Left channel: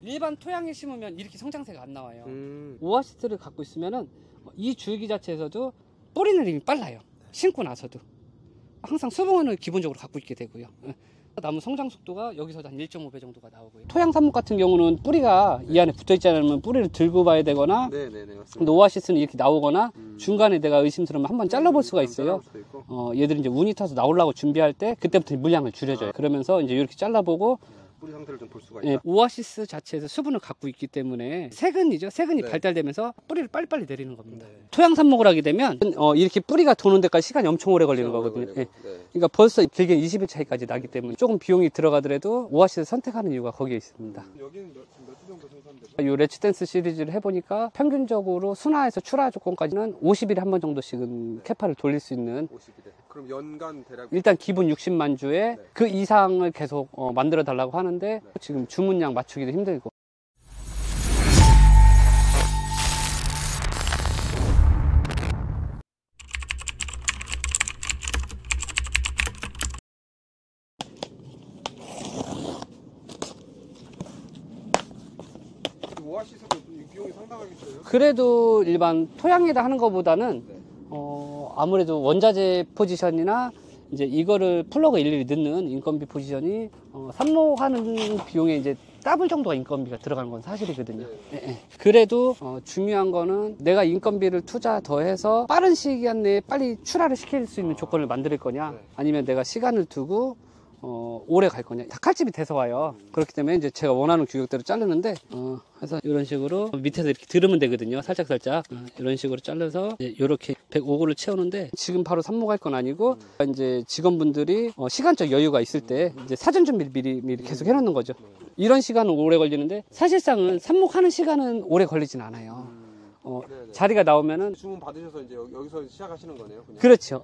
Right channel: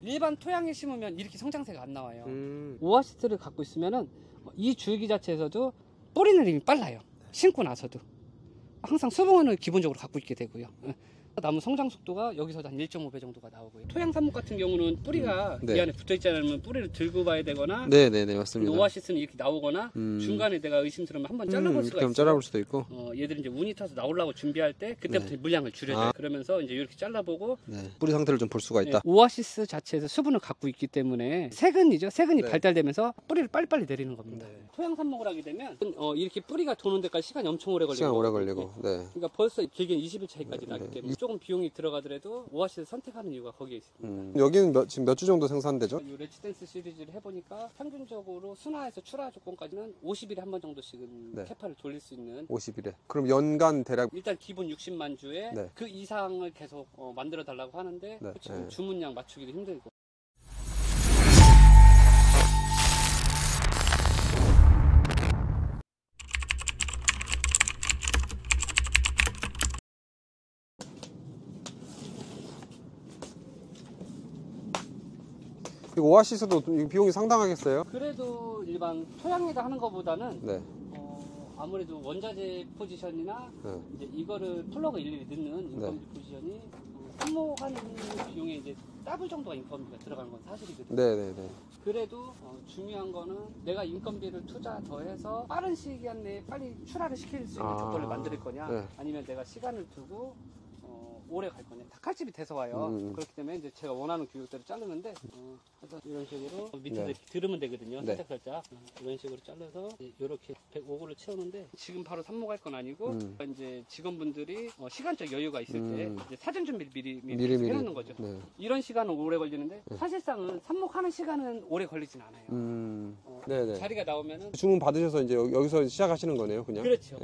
일반 토양에 심으면 이렇게 성장세가 안 나와요. 오아시스를 갖고 있으면은 이 줄기 자체에서도 뿌리는 이미 빨라요. 심고 나서도 항상 수분을 기본적으로 갖고 있게 되고요. 나무 성장 속도가 여기서 한 1.5배 정도가 나오고요. 토양 삽목 같은 경우는 뿌리가 이 안에 붙어 있지 않으면 뿌리를 들고 봐야 되거나, 네네네, 맞습니다. 근데 오아시스는 이렇게 나오거나 중간에 내가 의심스러우면 한번 잘라볼 수가 있어요. 잘라볼 수도 있고. 얘들은 이제 운이 타서 나오려고 준비할 때 그때부터 물량을 줄여줘요. 그러면서 이제 이렇게 잘라보고 뿌리 상태를 좀 볼 수가 있다. 오아시스 자체에서 수분을 갖고 있기 때문에 세근이죠. 세근이 발달되면서 뿌리를 빨리빨리 내리는 겁니다. 토양 삽목을 하게 되면 이렇게 뿌리가 도는 데까지 시간이 엄청 오래 걸리는 거거든요. 그러니까 벌써 길게 20일 차이까지 나기 때문에 조금 비용이 들어가더라도 오아시스 선택하는 이유가 거기에 있습니다. 여기는 지금 몇 주 정도 생산되죠? 이 레츠댄스 시리즈를 해보니까 평균적으로 순화에서 출하 조건까지는 50일에 한 번 정도씩은 캐파를 돌릴 수 있는 50일에. 그럼 연간 대략 일단 기본 60만 주에 그 이상을 계속 만들어 달라고 하는데 지금 주문량 맞추기도 힘들고. 오아시스도 비용이 상당하겠어요? 그래도 일반 토양에다 하는 것보다는 아무래도 원자재 포지션이나 이제 이거를 플러그 일일이 넣는 인건비 포지션이 삽목하는 비용에 이제 더블 정도가 인건비가 들어가는 건 사실이거든요. 그래도 중요한 거는 내가 인건비를 투자 더해서 빠른 시간 내에 빨리 출하를 시킬 수 있는 조건을 만들 거냐, 아니면 내가 시간을 두고 오래 갈 거냐. 닭칼집이 돼서 와요. 그렇기 때문에 이제 제가 원하는 규격대로 자르는데 그래서 이런 식으로 밑에서 이렇게 들으면 되거든요. 살짝살짝 이런 식으로 잘라서 이렇게 105고를 채우는데 지금 바로 삽목할 건 아니고 이제 직원분들이 시간적 여유가 있을 때 이제 사전 준비를 미리 계속 해놓는 거죠. 이런 시간은 오래 걸리는데 사실상은 삽목하는 시간은 오래 걸리진 않아요. 자리가 나오면은 주문 받으셔서 이제 여기서 시작하시는 거네요, 그냥. 그렇죠.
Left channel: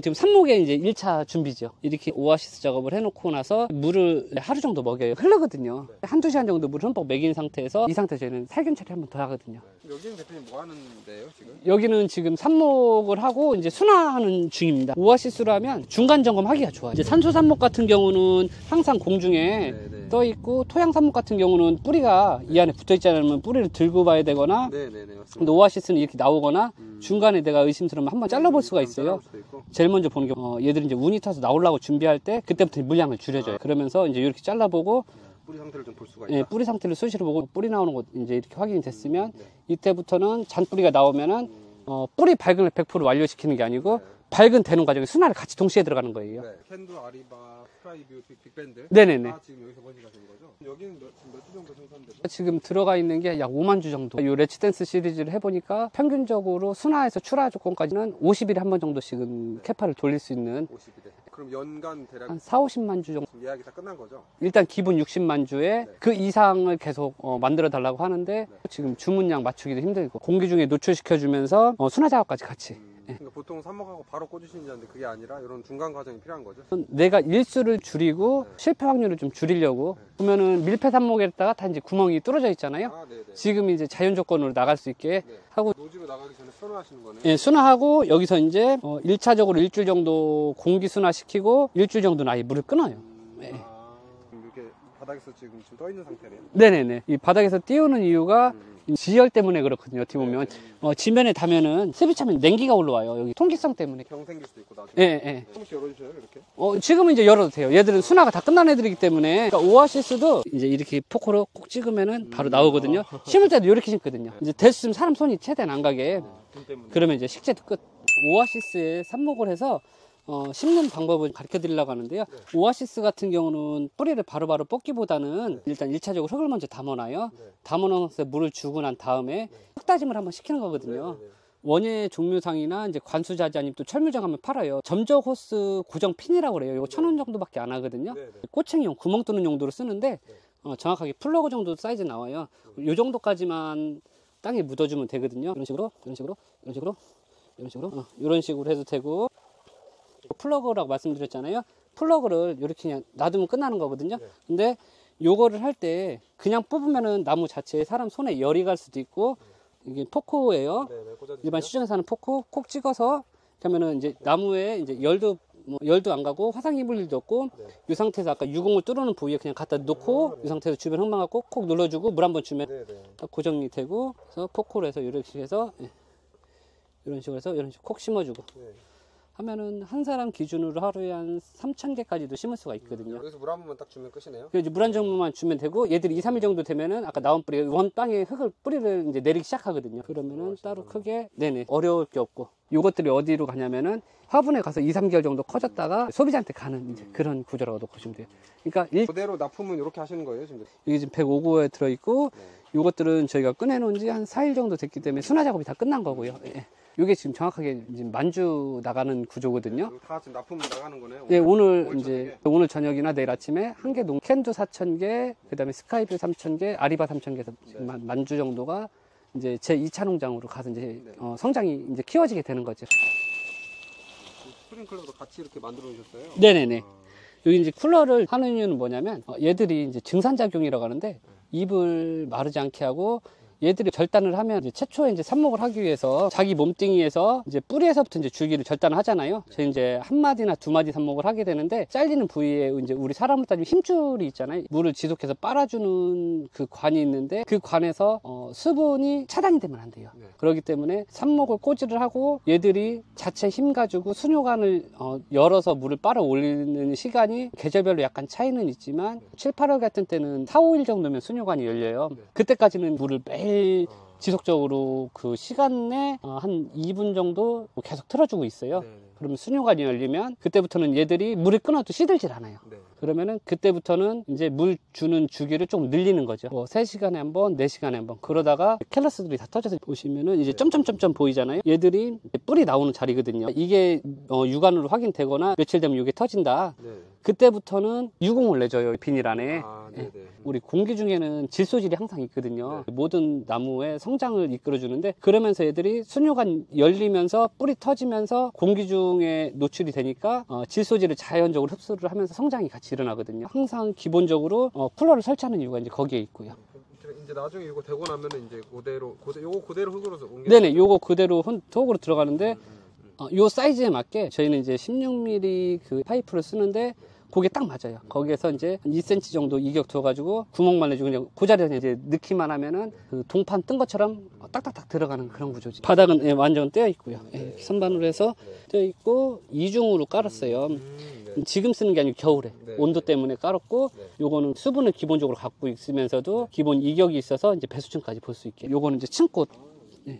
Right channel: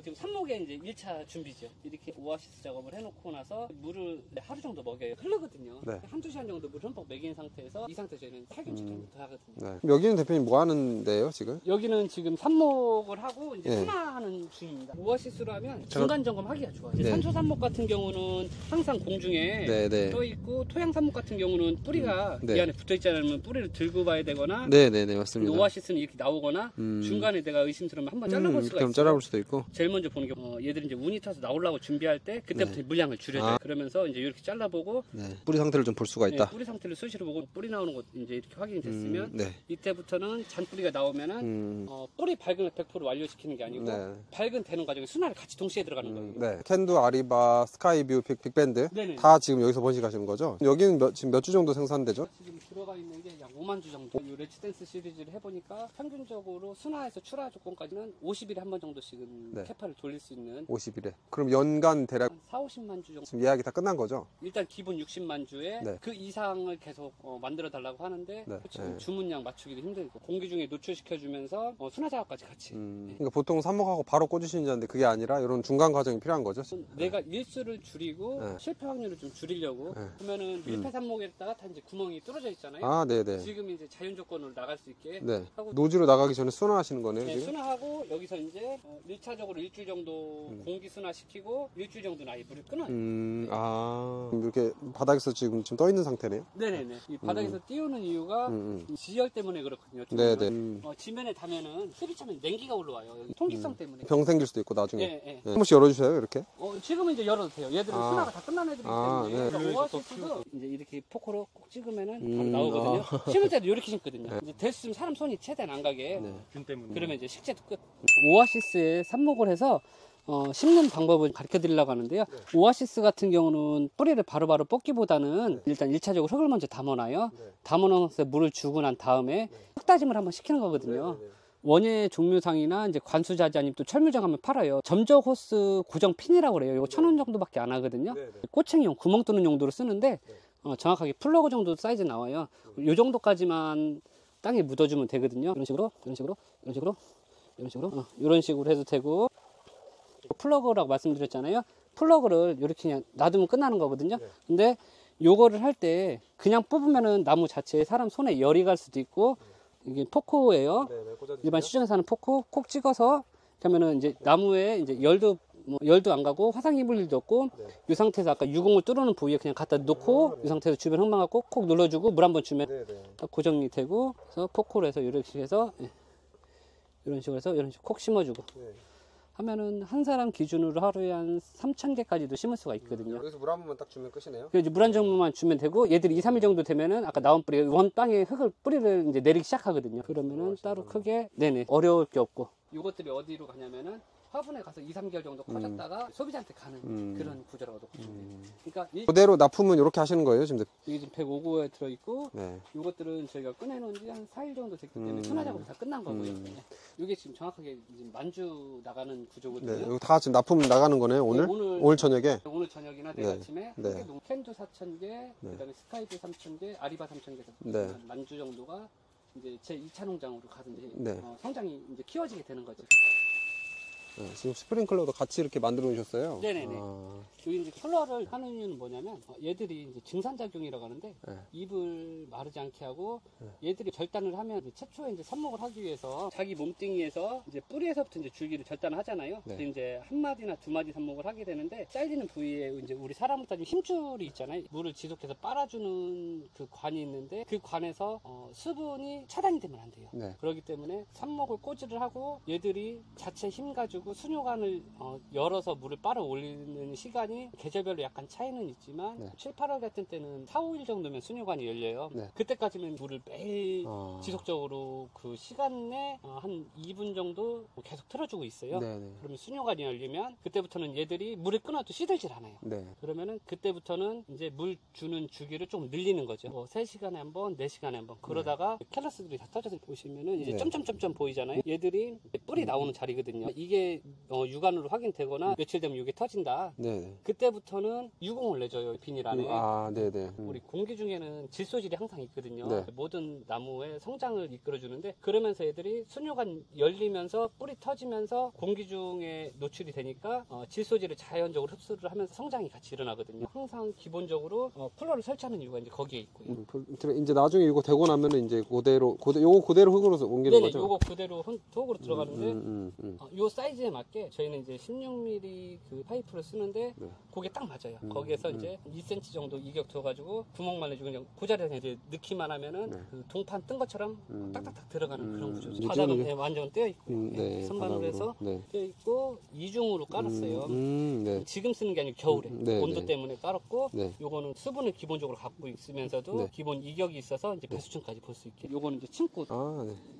지금 삽목의 이제 1차 준비죠. 이렇게 오아시스 작업을 해놓고 나서 물을 하루 정도 먹여요. 흐르거든요. 한두 시간 정도 물을 흠뻑 먹인 상태에서 이 상태에서 저희는 살균 처리 한번 더 하거든요. 여기는 대표님 뭐 하는 데예요, 지금? 여기는 지금 삽목을 하고 이제 순화하는 중입니다. 오아시스로 하면 중간 점검하기가 좋아요. 이제 산소 삽목 같은 경우는 항상 공중에 떠 있고, 토양 삽목 같은 경우는 뿌리가 이 안에 붙어 있지 않으면 뿌리를 들고 봐야 되거나, 맞습니다. 근데 오아시스는 이렇게 나오거나 중간에 내가 의심스러우면 한번 잘라볼 수가 있어요. 잘라볼 수도 있고. 제일 먼저 보는 게 얘들은 이제 운이 타서 나오려고 준비할 때 그때부터 물량을 줄여줘요. 그러면서 이제 이렇게 잘라보고 뿌리 상태를 좀 볼 수가 있다. 뿌리 상태를 수시로 보고 뿌리 나오는 거 이제 이렇게 확인이 됐으면 이때부터는 잔뿌리가 나오면은 뿌리 발근을 100% 완료시키는 게 아니고 발근되는 과정에 순화를 같이 동시에 들어가는 거예요. 캔두, 아리바, 스카이뷰, 빅밴드 다 지금 여기서 번식하시는 거죠? 여기는 지금 몇 주 정도 생산되죠? 지금 들어가 있는 게 약 5만 주 정도. 이 레츠댄스 시리즈를 해보니까 평균적으로 순화에서 출하 조건까지는 50일에 한 번 정도씩은 캐파를 돌릴 수 있는 50일에. 그럼 연간 대략 한 4, 50만 주 정도. 지금 예약이 다 끝난 거죠? 일단 기본 60만 주에 그 이상을 계속 만들어 달라고 하는데 지금 주문량 맞추기도 힘들고 공기 중에 노출시켜주면서 순화 작업까지 같이. 그러니까 보통 삽목하고 바로 꽂으시는 건데 그게 아니라 이런 중간 과정이 필요한 거죠? 내가 일수를 줄이고 실패 확률을 좀 줄이려고 보면은 밀폐 삽목에다가 다 이제 구멍이 뚫어져 있잖아요. 지금 이제 자연 조건으로 나갈 수 있게 하고 노지로 나가기 전에 순화하시는 거네요. 예, 순화하고 여기서 이제 1차적으로 일주일 정도 공기 순화시키고 일주일 정도는 아예 물을 끊어요. 이렇게 바닥에서 지금 떠 있는 상태네요. 네네네. 이 바닥에서 띄우는 이유가 지열 때문에 그렇거든요. 어떻게 보면 지면에 닿으면은 습이 차면 냉기가 올라와요. 여기 통기성 때문에. 병 생길 수도 있고 나중에. 한 번씩 열어주세요, 이렇게. 지금은 이제 열어도 돼요. 얘들은 순화가 다 끝난 애들이기 때문에. 그러니까 오아시스도 이제 이렇게 포크로 꼭 찍으면은 바로 나오거든요. 심을 때도 이렇게 심거든요. 이제 됐으면 사람 손이 최대한 안 가게. 그러면 이제 식재도 끝. 오아시스에 삽목을 해서 심는 방법을 가르쳐 드리려고 하는데요. 오아시스 같은 경우는 뿌리를 바로바로 뽑기보다는 일단 1차적으로 흙을 먼저 담아놔요. 담아놓아서 물을 주고 난 다음에 흙다짐을 한번 시키는 거거든요. 원예 종묘상이나 이제 관수자재 아니면 또 철물점 가면 팔아요. 점적 호스 고정 핀이라고 그래요. 이거 1,000원 정도밖에 안 하거든요. 꼬챙이용 구멍 뚫는 용도로 쓰는데 정확하게 플러그 정도 사이즈 나와요. 이 정도까지만 땅에 묻어주면 되거든요. 이런 식으로 이런 식으로 해도 되고, 플러그라고 말씀드렸잖아요. 플러그를 이렇게 그냥 놔두면 끝나는 거거든요. 근데 요거를 할 때 그냥 뽑으면은 나무 자체에 사람 손에 열이 갈 수도 있고, 이게 포크예요. 일반 시중에서 하는 포크 콕 찍어서 그러면은 이제 나무에 이제 열도 뭐 열도 안 가고 화상 입을 일도 없고 네. 이 상태에서 아까 유공을 뚫어놓은 부위에 그냥 갖다 놓고 이 상태에서 주변 흙만 갖고 콕 눌러주고 물 한번 주면 딱 고정이 되고 그래서 포크로 해서 이렇게 해서 이런 식으로 해서 이런 식으로 콕 심어주고 하면은 한 사람 기준으로 하루에 한 3,000개까지도 심을 수가 있거든요. 여기서 물 한 번만 딱 주면 끝이네요. 그래서 물 한 정도만 주면 되고 얘들이 2, 3일 정도 되면은 아까 나온 뿌리 원 땅에 흙을 뿌리를 이제 내리기 시작하거든요. 그러면은 따로 크게 어려울 게 없고 요것들이 어디로 가냐면은 화분에 가서 2, 3개월 정도 커졌다가 소비자한테 가는 이제 그런 구조라고 보시면 돼요. 그러니까 그대로 납품은 이렇게 하시는 거예요, 지금? 이게 지금 105호에 들어있고 요것들은 저희가 꺼내놓은 지 한 4일 정도 됐기 때문에 순화 작업이 다 끝난 거고요. 이게 지금 정확하게 지금 만주 나가는 구조거든요. 이거 다 지금 납품 나가는 거네요, 오늘? 네, 오늘 저녁에? 오늘 저녁이나 내일 아침에 한 개 캔두 4,000개, 그 다음에 스카이뷰 3,000개, 아리바 3,000개, 만주 정도가 이제 제 2차 농장으로 가서 이제 성장이 이제 키워지게 되는 거죠. 지금 스프링클러도 같이 이렇게 만들어 놓으셨어요? 네네네. 여기 이제 쿨러를 하는 이유는 뭐냐면 얘들이 이제 증산작용이라고 하는데 잎을 마르지 않게 하고 얘들이 절단을 하면 이제 최초에 이제 삽목을 하기 위해서 자기 몸뚱이에서 이제 뿌리에서부터 이제 줄기를 절단을 하잖아요. 그래서 이제 한 마디나 두 마디 삽목을 하게 되는데 잘리는 부위에 이제 우리 사람으로 따지면 힘줄이 있잖아요. 물을 지속해서 빨아주는 그 관이 있는데 그 관에서 수분이 차단이 되면 안 돼요. 그렇기 때문에 삽목을 꼬지를 하고 얘들이 자체 힘 가지고 수뇨관을 열어서 물을 빨아 올리는 시간이 계절별로 약간 차이는 있지만 7, 8월 같은 때는 4, 5일 정도면 수뇨관이 열려요. 그때까지는 물을 매일 지속적으로 그 시간 내 한 2분 정도 계속 틀어주고 있어요. 그러면 수뇨관이 열리면 그때부터는 얘들이 물을 끊어도 시들질 않아요. 그러면은 그때부터는 이제 물 주는 주기를 좀 늘리는 거죠. 뭐 3시간에 한 번, 4시간에 한 번. 그러다가 캘러스들이 다 터져서 보시면은 이제 점점점점 보이잖아요. 얘들이 뿌리 나오는 자리거든요. 이게 육안으로 확인되거나 며칠 되면 이게 터진다. 그때부터는 유공을 내줘요, 비닐 안에. 우리 공기 중에는 질소질이 항상 있거든요. 모든 나무의 성장을 이끌어주는데 그러면서 애들이 수뇨관 열리면서 뿌리 터지면서 공기 중에 노출이 되니까 질소질을 자연적으로 흡수를 하면서 성장이 같이 일어나거든요. 항상 기본적으로 쿨러를 설치하는 이유가 이제 거기에 있고요. 이제 나중에 이거 되고 나면은 이제 요거 그대로 흙으로 옮기는 네네, 거죠? 요거 그대로 흙으로 들어가는데 요 사이즈에 맞게 저희는 이제 16mm 그 파이프를 쓰는데 그게 딱 맞아요. 거기에서 이제 2cm 정도 이격 둬가지고 구멍만 내주고 그냥 그 자리에서 이제 넣기만 하면은 그 동판 뜬 것처럼 딱딱딱 들어가는 그런 구조지. 바닥은 완전 떼어 있고요. 선반으로 해서 떼어 있고 이중으로 깔았어요. 지금 쓰는 게 아니고 겨울에 온도 때문에 깔았고 요거는 수분을 기본적으로 갖고 있으면서도 기본 이격이 있어서 이제 배수층까지 볼 수 있게. 요거는 이제 층꽃.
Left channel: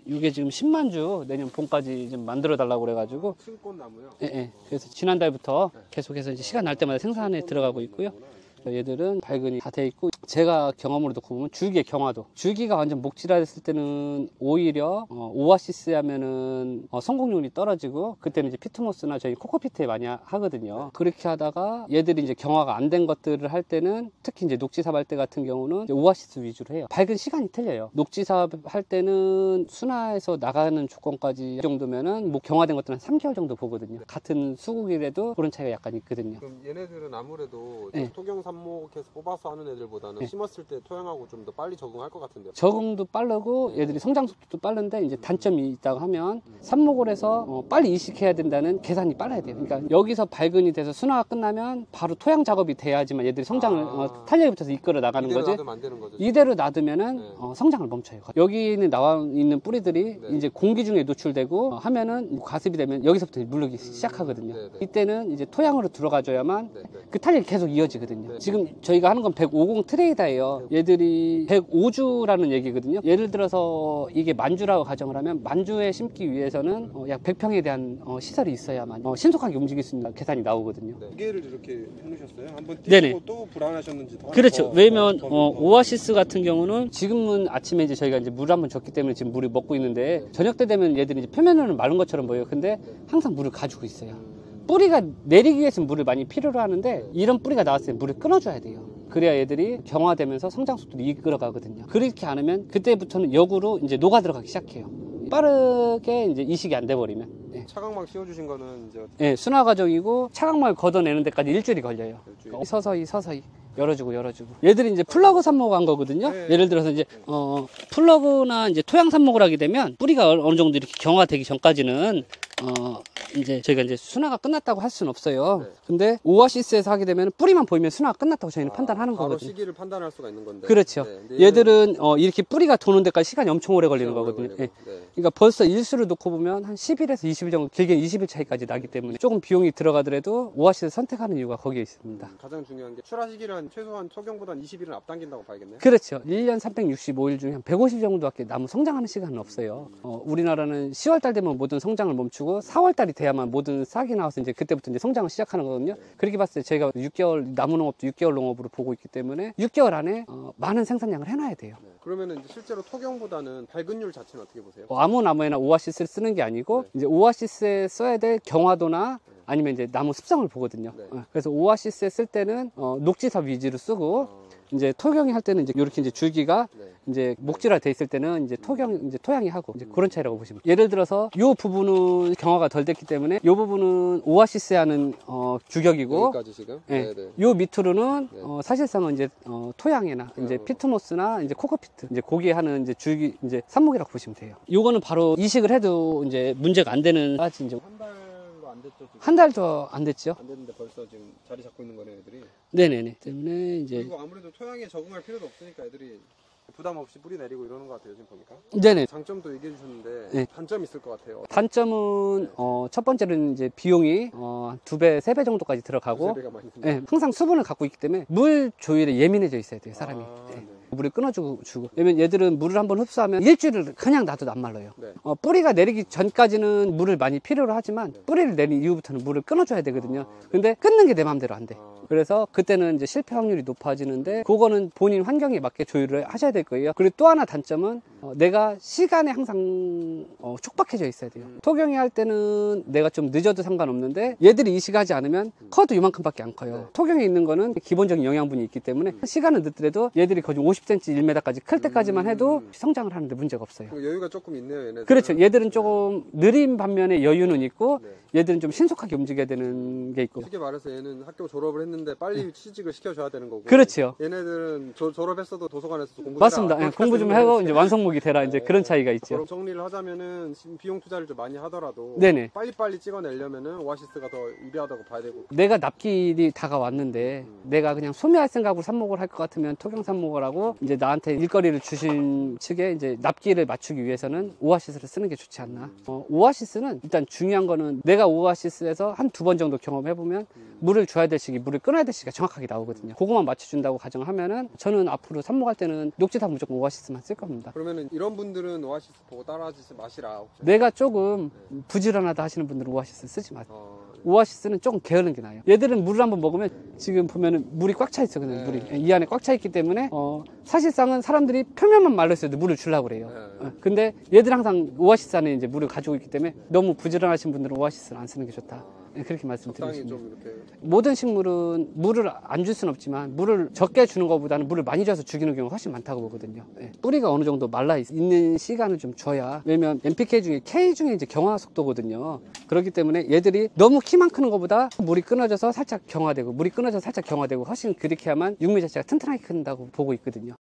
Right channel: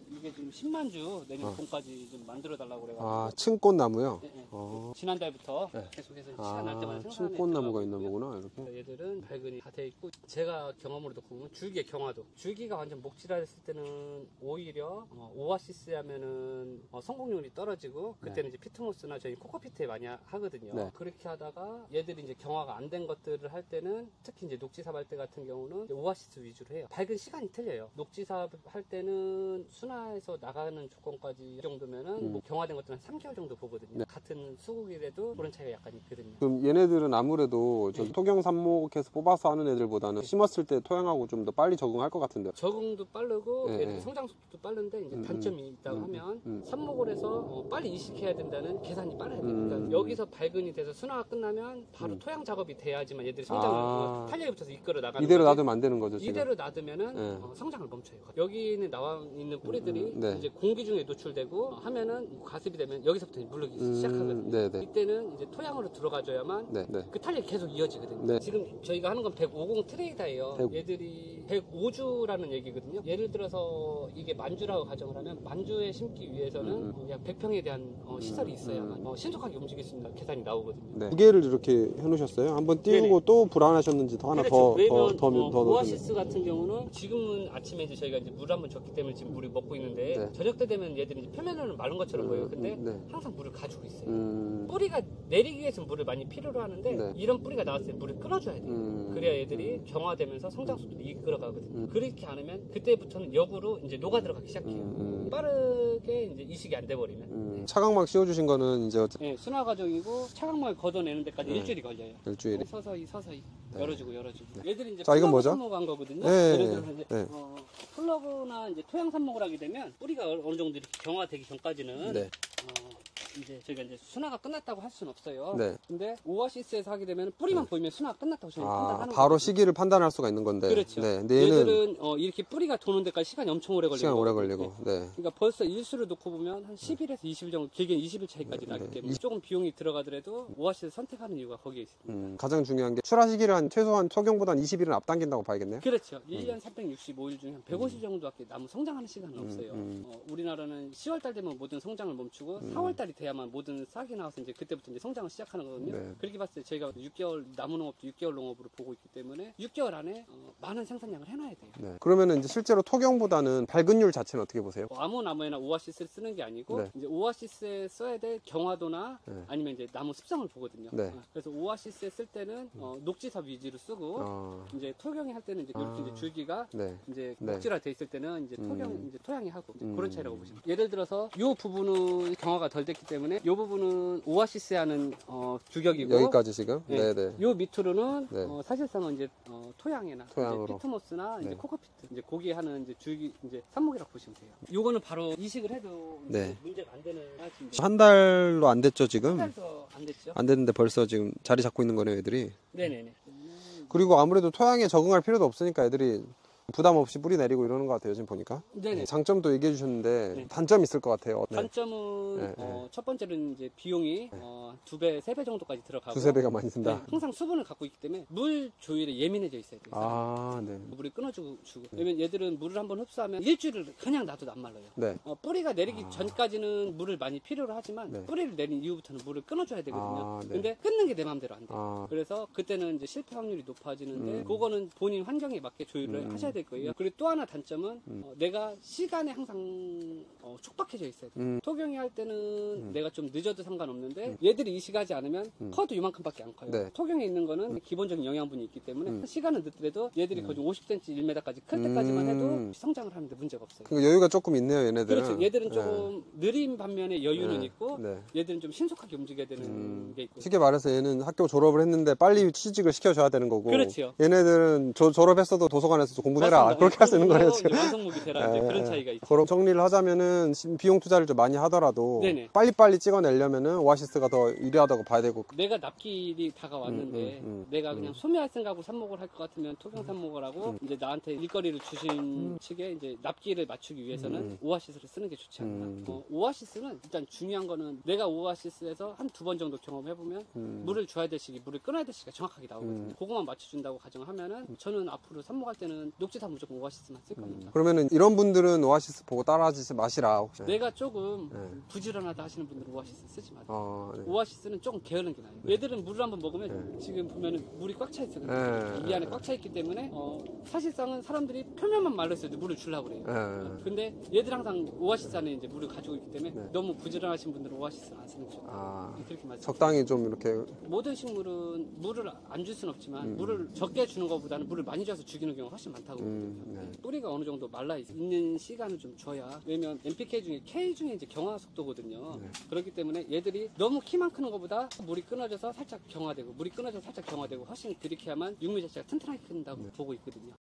이게 지금 10만 주 내년 봄까지 좀 만들어 달라고 그래가지고. 층꽃 나무요? 그래서 지난달부터 계속해서 이제 시간 날 때마다 생산에 들어가고 있고요. 얘들은 발근이 다 돼 있고 제가 경험으로 놓고 보면 줄기의 경화도 줄기가 완전 목질화됐을 때는 오히려 오아시스 하면은 성공률이 떨어지고 그때는 이제 피트모스나 저희 코코피트에 많이 하거든요. 그렇게 하다가 얘들이 이제 경화가 안 된 것들을 할 때는 특히 이제 녹지삽 할 때 같은 경우는 오아시스 위주로 해요. 발근 시간이 틀려요. 녹지삽 할 때는 순화에서 나가는 조건까지 정도면은 뭐 경화된 것들은 한 3개월 정도 보거든요. 같은 수국이라도 그런 차이가 약간 있거든요. 그럼 얘네들은 아무래도 토경 삽목해서 뽑아서 하는 애들보다는 심었을 때 토양하고 좀 더 빨리 적응할 것 같은데요. 적응도 빠르고 얘들이 성장 속도도 빠른데 이제 단점이 있다고 하면 삽목을 해서 빨리 이식해야 된다는 계산이 빨라야 돼요. 그러니까 여기서 발근이 돼서 순화가 끝나면 바로 토양 작업이 돼야지만 얘들이 성장을 탄력이 붙어서 이끌어 나가는 거죠. 이대로 놔두면 안 되는 거죠. 이대로 놔두면은 성장을 멈춰요. 여기는 나와 있는 뿌리들이 이제 공기 중에 노출되고 하면은 가습이 되면 여기서부터 물르기 시작하거든요. 이때는 이제 토양으로 들어가줘야만 그 탄력이 계속 이어지거든요. 지금 저희가 하는 건 150 트레이다예요. 얘들이 105주라는 얘기거든요. 예를 들어서 이게 만주라고 가정을 하면 만주에 심기 위해서는 약 100평에 대한 시설이 있어야만 신속하게 움직일 수 있는 계산이 나오거든요. 두 개를 이렇게 해놓으셨어요? 한번 띄우고 또 불안하셨는지 더 하나 그렇죠. 왜냐면 오아시스 같은 경우는 지금은 아침에 이제 저희가 이제 물 한번 줬기 때문에 지금 물을 먹고 있는데 저녁 때 되면 얘들이 이제 표면으로는 마른 것처럼 보여요. 근데 항상 물을 가지고 있어요. 뿌리가 내리기 위해서는 물을 많이 필요로 하는데 이런 뿌리가 나왔을 때 물을 끊어줘야 돼요. 그래야 얘들이 경화되면서 성장 속도를 이끌어가거든요. 그렇게 않으면 그때부터는 역으로 이제 녹아 들어가기 시작해요. 빠르게 이제 이식이 안 돼버리면. 차광막 씌워주신 거는 이제 네, 순화 과정이고 차광막을 걷어내는 데까지 일주일이 걸려요. 서서히 열어주고. 얘들이 이제 플러그 삽목을 한 거거든요. 예를 들어서 이제 플러그나 이제 토양 삽목을 하게 되면 뿌리가 어느 정도 이렇게 경화되기 전까지는 이제 저희가 이제 순화가 끝났다고 할 수는 없어요. 네. 근데 오아시스에서 하게 되면 뿌리만 보이면 순화가 끝났다고 저희는 판단하는 바로 거거든요. 시기를 판단할 수가 있는 건데. 그렇죠. 네. 근데 얘들은 이렇게 뿌리가 도는 데까지 시간이 엄청 오래 걸리는 시간 오래 거거든요. 걸리고. 예. 네. 그러니까 벌써 일수를 놓고 보면 한 10일에서 20일 정도, 길게 20일 차이까지 나기 때문에 조금 비용이 들어가더라도 오아시스 선택하는 이유가 거기에 있습니다. 가장 중요한 게 출하 시기를 한 최소한 토경보다 한 20일은 앞당긴다고 봐야겠네요. 그렇죠. 1년 365일 중에 한 150 정도밖에 나무 성장하는 시간은 없어요. 우리나라는 10월달 되면 모든 성장을 멈추고 4월달이 돼야만 모든 싹이 나와서 이제 그때부터 이제 성장을 시작하는 거거든요. 네. 그렇게 봤을 때 저희가 6개월 나무 농업도 6개월 농업으로 보고 있기 때문에 6개월 안에 많은 생산량을 해놔야 돼요. 네. 그러면 이제 실제로 토경보다는 발근율 자체는 어떻게 보세요? 아무 나무에나 오아시스를 쓰는 게 아니고 네. 이제 오아시스에 써야 될 경화도나 네. 아니면 이제 나무 습성을 보거든요. 네. 그래서 오아시스에 쓸 때는 녹지삽 위주로 쓰고 이제 토경이 할 때는 이제 이렇게 이제 줄기가 네. 이제 목질화 돼 있을 때는 이제 이제 토양이 하고 이제 그런 차이라고 보시면 돼요. 예를 들어서 이 부분은 경화가 덜 됐기 때문에 이 부분은 오아시스에 하는 규격이고 여기까지 지금? 네. 네. 요 밑으로는 네. 사실상은 이제 토양이나 이제 토양으로. 피트모스나 이제 네. 코코피트 이제 거기에 하는 이제 줄기 이제 삽목이라고 보시면 돼요. 요거는 바로 이식을 해도 이제 네. 문제가 안 되는 까지 이제 한 달도 안 됐죠 지금? 한 달도 안 됐죠. 안 됐는데 벌써 지금 자리 잡고 있는 거네요 애들이. 네네네. 때문에 이제 그리고 아무래도 토양에 적응할 필요도 없으니까 애들이 부담 없이 뿌리 내리고 이러는 것 같아요 지금 보니까. 네네. 장점도 얘기해 주셨는데 네. 단점이 있을 것 같아요. 단점은 네. 첫 번째는 이제 비용이 2배, 3배 정도까지 들어가고 두세 배가 많이 든다. 네, 항상 수분을 갖고 있기 때문에 물 조율에 예민해져 있어야 돼요 사람이. 네. 물을 끊어주고 주고. 왜냐면 얘들은 물을 한번 흡수하면 일주일을 그냥 놔둬도 안 말라요. 네. 뿌리가 내리기 전까지는 물을 많이 필요로 하지만 네. 뿌리를 내린 이후부터는 물을 끊어줘야 되거든요. 네. 근데 끊는 게 내 마음대로 안 돼. 아. 그래서 그때는 이제 실패 확률이 높아지는데 그거는 본인 환경에 맞게 조율을 하셔야 될 거예요. 그리고 또 하나 단점은 내가 시간에 항상 촉박해져 있어야 돼요. 토경이 할 때는 내가 좀 늦어도 상관없는데 얘들이 이식하지 않으면 커도 이만큼밖에 안 커요. 네. 토경에 있는 거는 기본적인 영양분이 있기 때문에 시간은 늦더라도 얘들이 거의 50cm, 1m까지 클 때까지만 해도 성장을 하는데 문제가 없어요. 그러니까 여유가 조금 있네요 얘네들. 그렇죠. 얘들은 조금 느린 반면에 여유는 네. 있고 네. 얘들은 좀 신속하게 움직여야 되는 게 있고. 쉽게 말해서 얘는 학교 졸업을 했는데 빨리 취직을 시켜줘야 되는 거고. 그렇죠. 얘네들은 졸업했어도 도서관에서 공부해라. 맞습니다. 그렇게 공부 좀 하는 하고 거지. 이제 완성목이 되라 이제 네. 그런 차이가 있죠. 그럼 정리를 하자면은 비용 투자를 좀 많이 하더라도 네네. 빨리빨리 찍어내려면은 오아시스가 더 유리하다고 봐야 되고. 내가 납기일이 다가왔는데 내가 그냥 소비할 생각으로 삽목을 할 것 같으면 토경 삽목을 하고 이제 나한테 일거리를 주신 측에 이제 납기를 맞추기 위해서는 오아시스를 쓰는 게 좋지 않나. 오아시스는 일단 중요한 거는 내가 오아시스에서 한 두 번 정도 경험해보면 물을 줘야 될 시기, 물을 끊어야 될 시기가 정확하게 나오거든요. 그거만 맞춰준다고 가정하면은 저는 앞으로 삽목할 때는 녹지삽 무조건 오아시스만 쓸 겁니다. 그러면은 이런 분들은 오아시스 보고 따라하지 마시라. 혹시. 내가 조금 부지런하다 하시는 분들은 오아시스 쓰지 마세요. 네. 오아시스는 조금 게으른 게 나아요. 얘들은 물을 한번 먹으면 지금 보면은 물이 꽉 차 있어. 그냥 네. 물이 이 안에 꽉 차 있기 때문에 사실상은 사람들이 표면만 말라 있어도 물을 주려고 그래요. 네. 근데 얘들은 항상 오아시스 안에 이제 물을 가지고 있기 때문에 너무 부지런하신 분들은 오아시스를 안 쓰는 게 좋다. 네, 그렇게 말씀드리겠습니다. 적당히 좀 이렇게. 모든 식물은 물을 안 줄 수는 없지만 물을 적게 주는 것보다는 물을 많이 줘서 죽이는 경우가 훨씬 많다고 보거든요. 네. 뿌리가 어느 정도 말라 있는 시간을 좀 줘야. 왜냐면 NPK 중에 K 중에 이제 경화 속도거든요. 그렇기 때문에 얘들이 너무 키만 크는 것보다 물이 끊어져서 살짝 경화되고 물이 끊어져서 살짝 경화되고 훨씬 그렇게 하면 육미 자체가 튼튼하게 큰다고 보고 있거든요.